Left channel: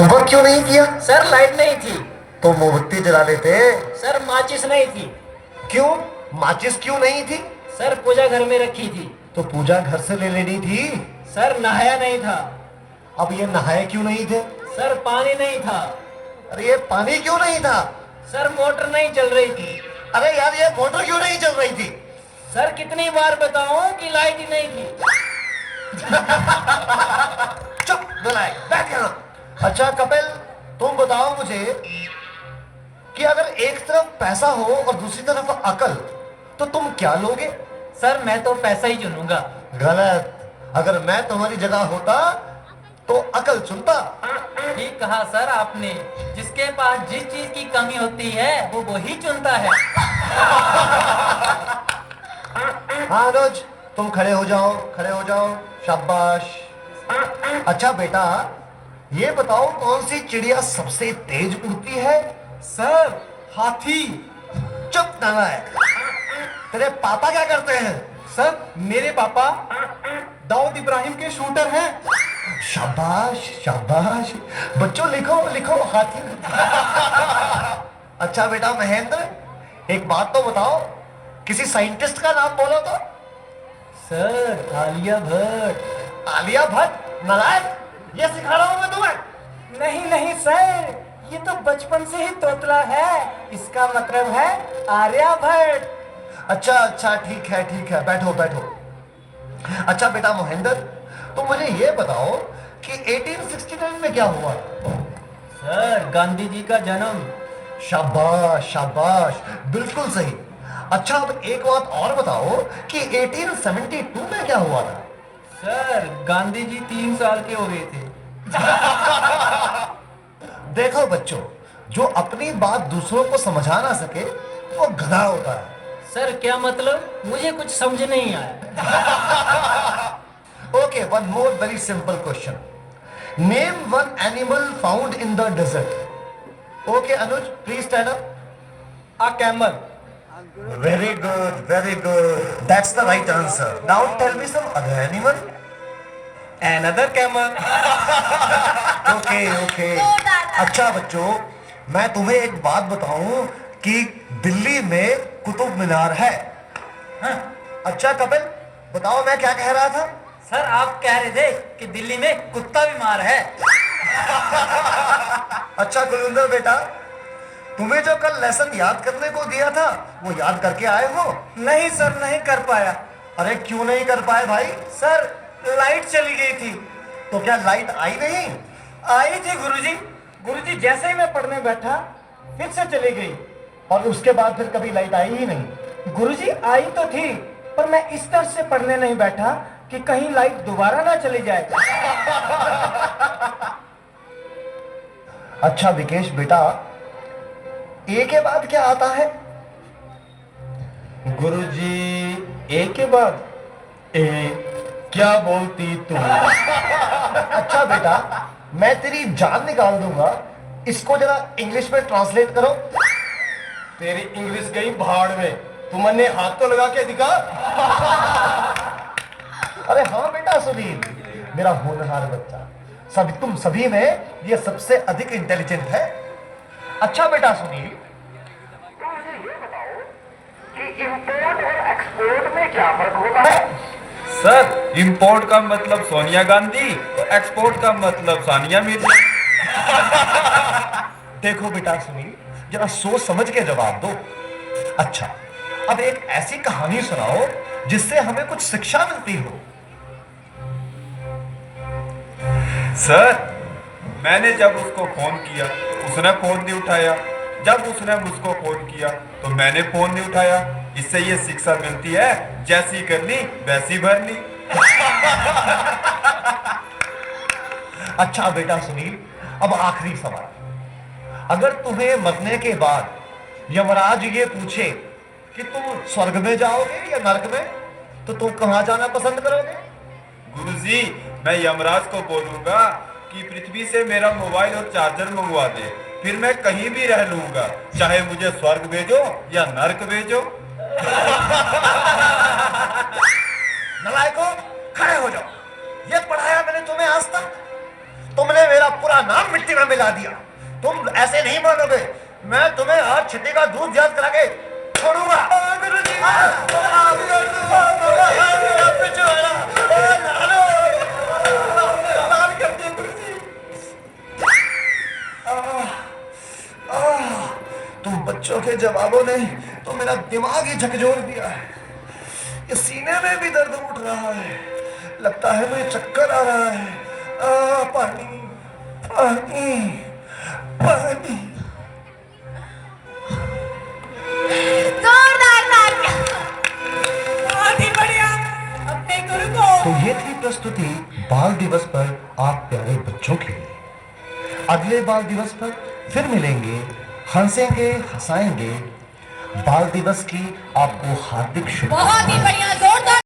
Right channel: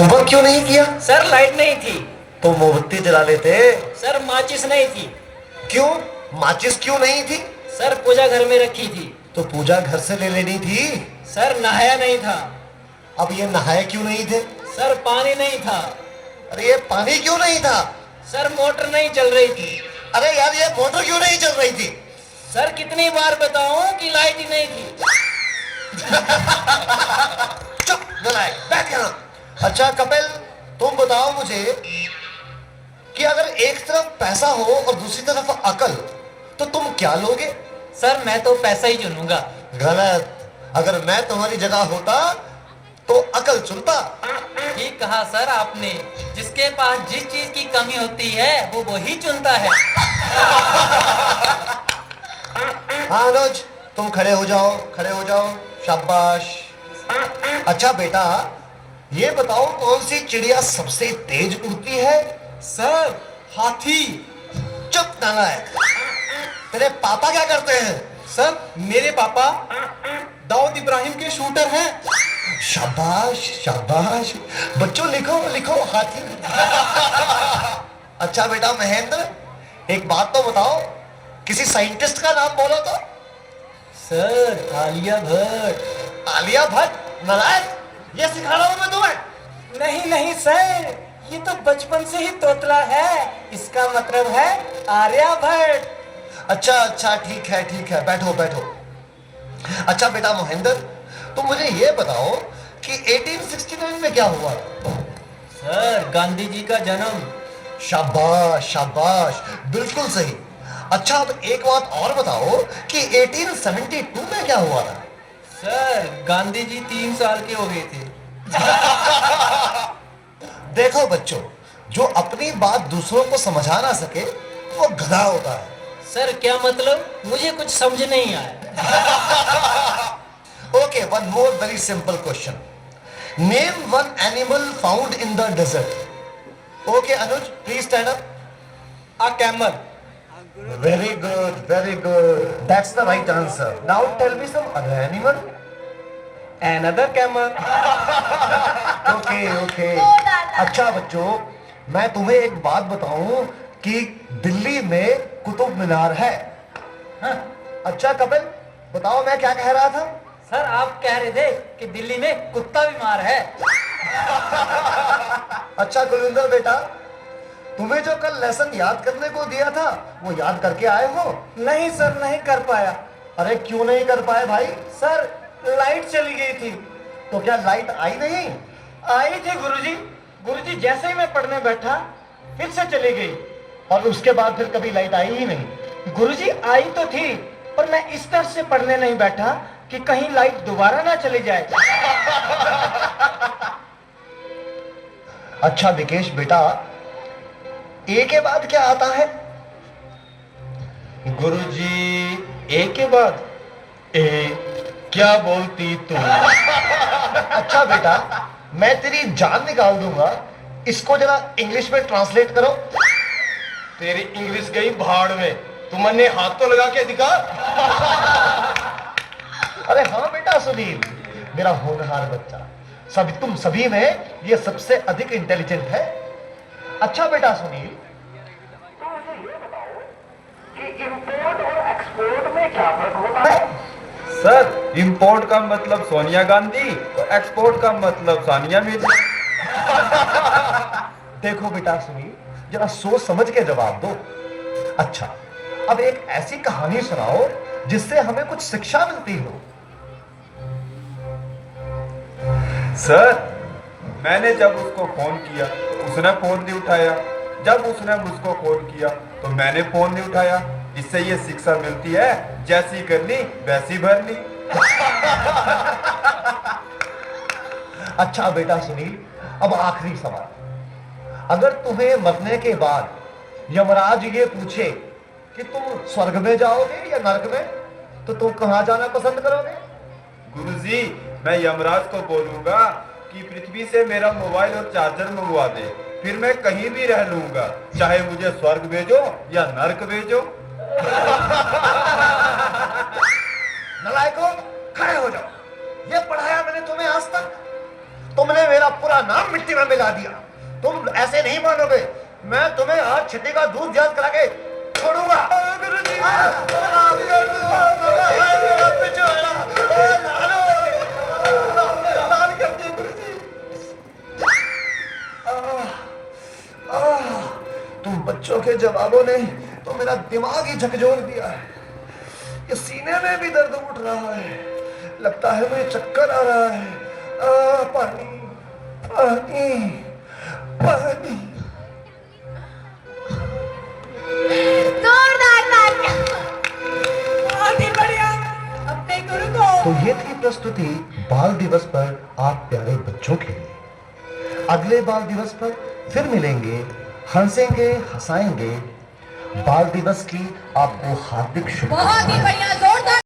Homework क्यों नहीं किया? सर लाइट नहीं थी। तो मोमबत्ती जला लेते। सर माचिस नहीं थी। क्यों? माचिस क्यों नहीं थी? सर पूजा घर में रखी थी। तो पूजा घर से ले लेनी थी। सर नहाया नहीं था। अब ये नहाए क्यों नहीं थे? सर पानी नहीं था। अरे ये पानी क्यों नहीं था? सर मोटर नहीं चल रही थी। अरे यार ये मोटर क्यों नहीं चल रही थी? सर कितनी बार बताऊं कि लाइट ही नहीं थी। चुप नालायक, बैठ यहाँ। अच्छा कपिल, तुम बताओ मुझे कि अगर एक तरफ पैसा हो और दूसरी तरफ अकल, तो तुम क्या लोगे? सर मैं तो पैसा ही चुनूंगा। गलत। अगर मैं तुम्हारी जगह होता तो अकल चुनता। ठीक कहा सर आपने। जिसके पास जिस चीज की कमी होती है वो वही चुनता है। हाँ अनुज, तुम खड़े हो जाओ, खड़े हो जाओ। शाबाश। अच्छा बेटा, ये बताओ कौन सी चिड़िया सबसे तेज उड़ती है? सर हाथी। चुप नालायक। तेरे पापा क्या करते हैं? सर मेरे पापा दाऊद इब्राहिम के शूटर हैं। शाबाश शाबाश। बच्चों लिखो लिखो, हाथी। अच्छा बेटा महेंद्र, एक बात तो बताओ, किसी साइंटिस्ट का नाम बोलो तो। सर आलिया भट्ट। आलिया भट्ट? नालायक, ये सिखा रहा हूं मैं तुम्हें। नहीं नहीं सर, ये तो बचपन से ही तोतला है। इसका मतलब है आर्यभट्ट। अच्छा अच्छा, ठीक है, बैठो बैठो। अच्छा बेटा महेंद्र, तुम मुझे ये बताओ कि 1869 में क्या हुआ था? सर गांधी जी का जन्म। शाबाश शाबाश, बिल्कुल सही। अच्छा अब एक बात और बताओ कि 1872 में क्या हुआ था? सर गांधी जी 3 साल के हो गए थे। देखो बच्चों, जो अपनी बात दूसरों को समझा ना सके वो गधा होता है। सर क्या मतलब? मुझे कुछ समझ नहीं आया। Okay, one more very simple question. Name one animal found in the desert. Okay Anuj, please stand up. A camel. Very good, very good, that's the right answer. Now tell me some other animal. Another camel. Okay okay. अच्छा बच्चों, मैं तुम्हें एक बात बताऊं कि दिल्ली में कुतुब मीनार है। हाँ? अच्छा कपिल, बताओ मैं क्या कह रहा था? सर आप कह रहे थे कि दिल्ली में कुत्ता बीमार है। अच्छा गुलविंदर बेटा, तुम्हें जो कल लेसन याद करने को दिया था वो याद करके आए हो? नहीं सर, नहीं कर पाया। अरे क्यों नहीं कर पाए भाई? सर लाइट चली गई थी। तो क्या लाइट आई नहीं? आई थी गुरुजी। गुरुजी जैसे ही मैं पढ़ने बैठा फिर से चली गई। और उसके बाद फिर कभी लाइट आई ही नहीं? गुरुजी आई तो थी, पर मैं इस तरह से पढ़ने नहीं बैठा कि कहीं लाइट दोबारा ना चली जाए। अच्छा विकेश बेटा, ए के बाद क्या आता है? गुरुजी ए के बाद ए। क्या बोलती तू? अच्छा बेटा, मैं तेरी जान निकाल दूंगा, इसको जरा इंग्लिश में ट्रांसलेट करो। तेरी इंग्लिश गई भाड़ में, तुमने हाथ तो लगा के दिखा। अरे हाँ बेटा सुनील, मेरा होनहार बच्चा, तुम सभी में ये सबसे अधिक इंटेलिजेंट है। अच्छा बेटा सुनील, इंपोर्ट और एक्सपोर्ट में क्या फर्क होता है? सर इंपोर्ट का मतलब सोनिया गांधी और एक्सपोर्ट का मतलब सानिया मिर्जा। देखो बेटा सुनील, जरा सोच समझ के जवाब दो। अच्छा, अब एक ऐसी कहानी सुनाओ जिससे हमें कुछ शिक्षा मिलती हो। सर मैंने जब उसको फोन किया तो उसने फोन नहीं उठाया, जब उसने मुझको फोन किया तो मैंने फोन नहीं उठाया। इससे ये शिक्षा मिलती है, जैसी करनी वैसी भरनी। अच्छा बेटा सुनील, अब आखिरी सवाल। अगर तुम्हें मरने के बाद यमराज ये पूछे कि तुम स्वर्ग में जाओगे या नरक में, तो तुम कहां जाना पसंद करोगे? गुरुजी मैं यमराज को बोलूंगा कि पृथ्वी से मेरा मोबाइल और चार्जर मंगवा दे, फिर मैं कहीं भी रह लूंगा, चाहे मुझे स्वर्ग भेजो या नरक भेजो। नलायकों, खड़े हो जाओ। ये पढ़ाया मैंने तुम्हें आज तक? तुमने मेरा पूरा नाम मिट्टी में मिला दिया। तुम ऐसे नहीं मानोगे, मैं तुम्हें आज छठी का दूध याद करा के छोड़ूंगा। तुम बच्चों के जवाबों ने तो मेरा दिमाग ही झकझोर दिया है। ये सीने में भी दर्द उठ रहा है, लगता है मुझे चक्कर आ रहा है। पानी पानी पानी। जोरदार तालियां। बहुत ही बढ़िया। अपने गुरु को तो ये थी प्रस्तुति बाल दिवस पर आप प्यारे बच्चों के लिए। अगले बाल दिवस पर फिर मिलेंगे, हंसेंगे, हंसाएंगे। बाल दिवस की आपको हार्दिक शुभकामनाएं। बहुत ही बढ़िया।